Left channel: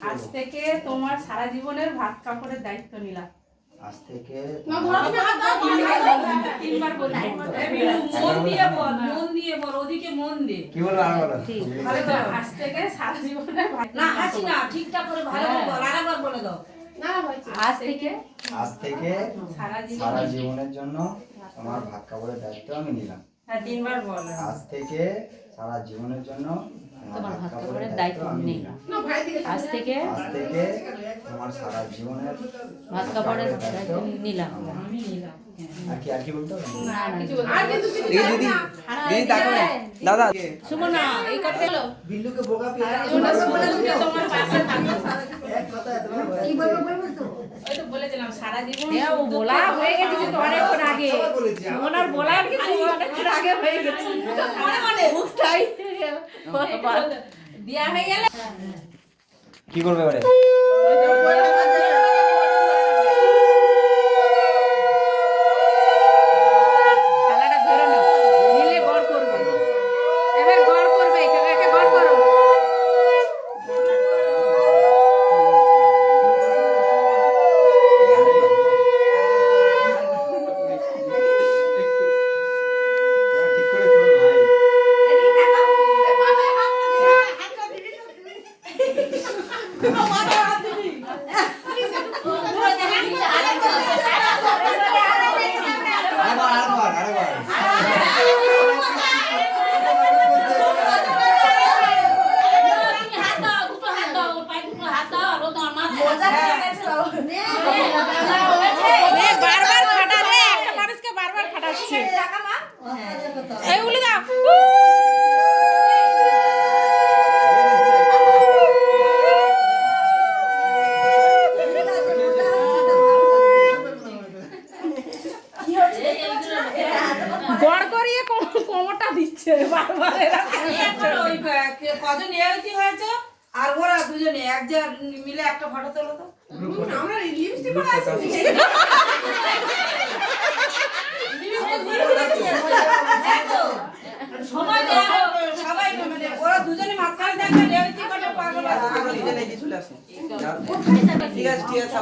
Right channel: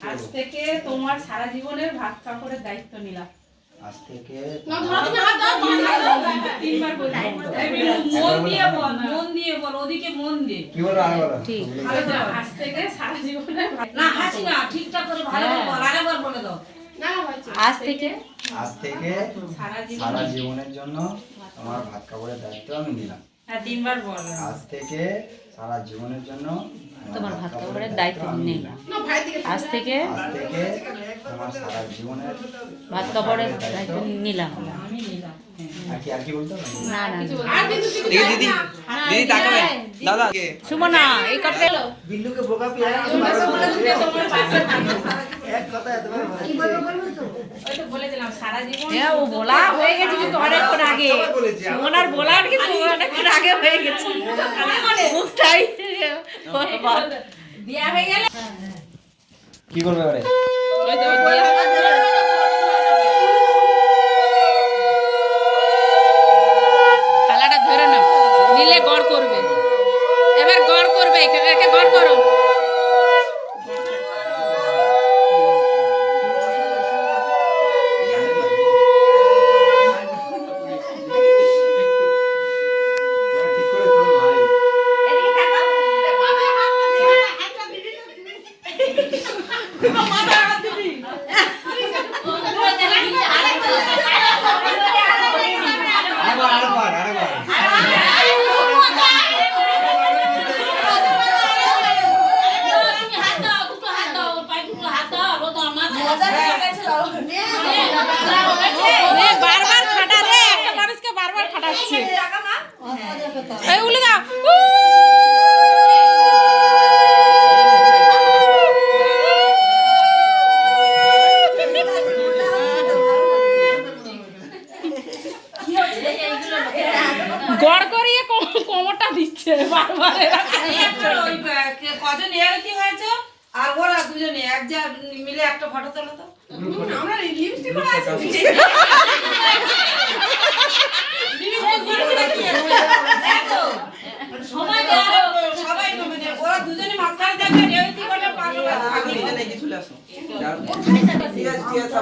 আজ থেকে তোমার সারা জীবনের ভাত কাপড়ের দায়িত্ব নিলাম। আজ থেকে তিনবার বলি। মন দিয়ে বল, ওদিকে মন দে। কি বলবো আর বলো? ঠিক। আজ থেকে সারা জীবনের ভাত না হাসি না, ঠিকঠাক করে ভালো করে বল, আরেকবার বলে দাও। আজ থেকে সারা জীবনের জন্য আমার ভাত কাপড়ের দায়িত্ব আমি নিলাম। হ্যাঁ, তিনবার বল। আজ থেকে সারা জীবনের জন্য তোমার ভাত কাপড়ের দায়িত্ব নিলাম। আজ থেকে তোমার সারা জীবনের ভাত কাপড়ের দায়িত্ব নিলাম। আমি নিলাম। আর কি বলতে হবে? না না দিদি তাকাবেন দাদা সুমনা এই কথা বিল্লুকে বোকা পেয়ে তোমার পাশে থাকবো। এক কথা এতবার ওই তো বলেছিলাম সারা জীবন। হ্যাঁ ও বলা হয়ে গেছে কিন্তু অনেকক্ষণ আগে সুমনার বলার কিন্তু অনেকক্ষণ আগে হয়ে গেছে মানে মুখটাই দেয়া হয়ে গেলে কি করবে এবারে? থালাটা ধরে নাও, নিলে গড় করবে। এবার গড় করবে, একে গড় করো। ঠিক করে তোর ভাই বারবার খাটালে একটা মানুষকে বারবার খাটাচ্ছে। এই উলি দাও। গড় করিয়ে কোমরটা দিচ্ছে বারবার। কজন এরকম হয়েছে আর ওরা দুজনে এক যা মিলে একটা ফটো তোলো তো। আমরা লিপস্টিক সবাই মানে ওরা দুজনে মাঝখানে থাকবে রেওতি করে পাগল আছে। চলে আসুন। ঠিক আছে ঠিক আছে।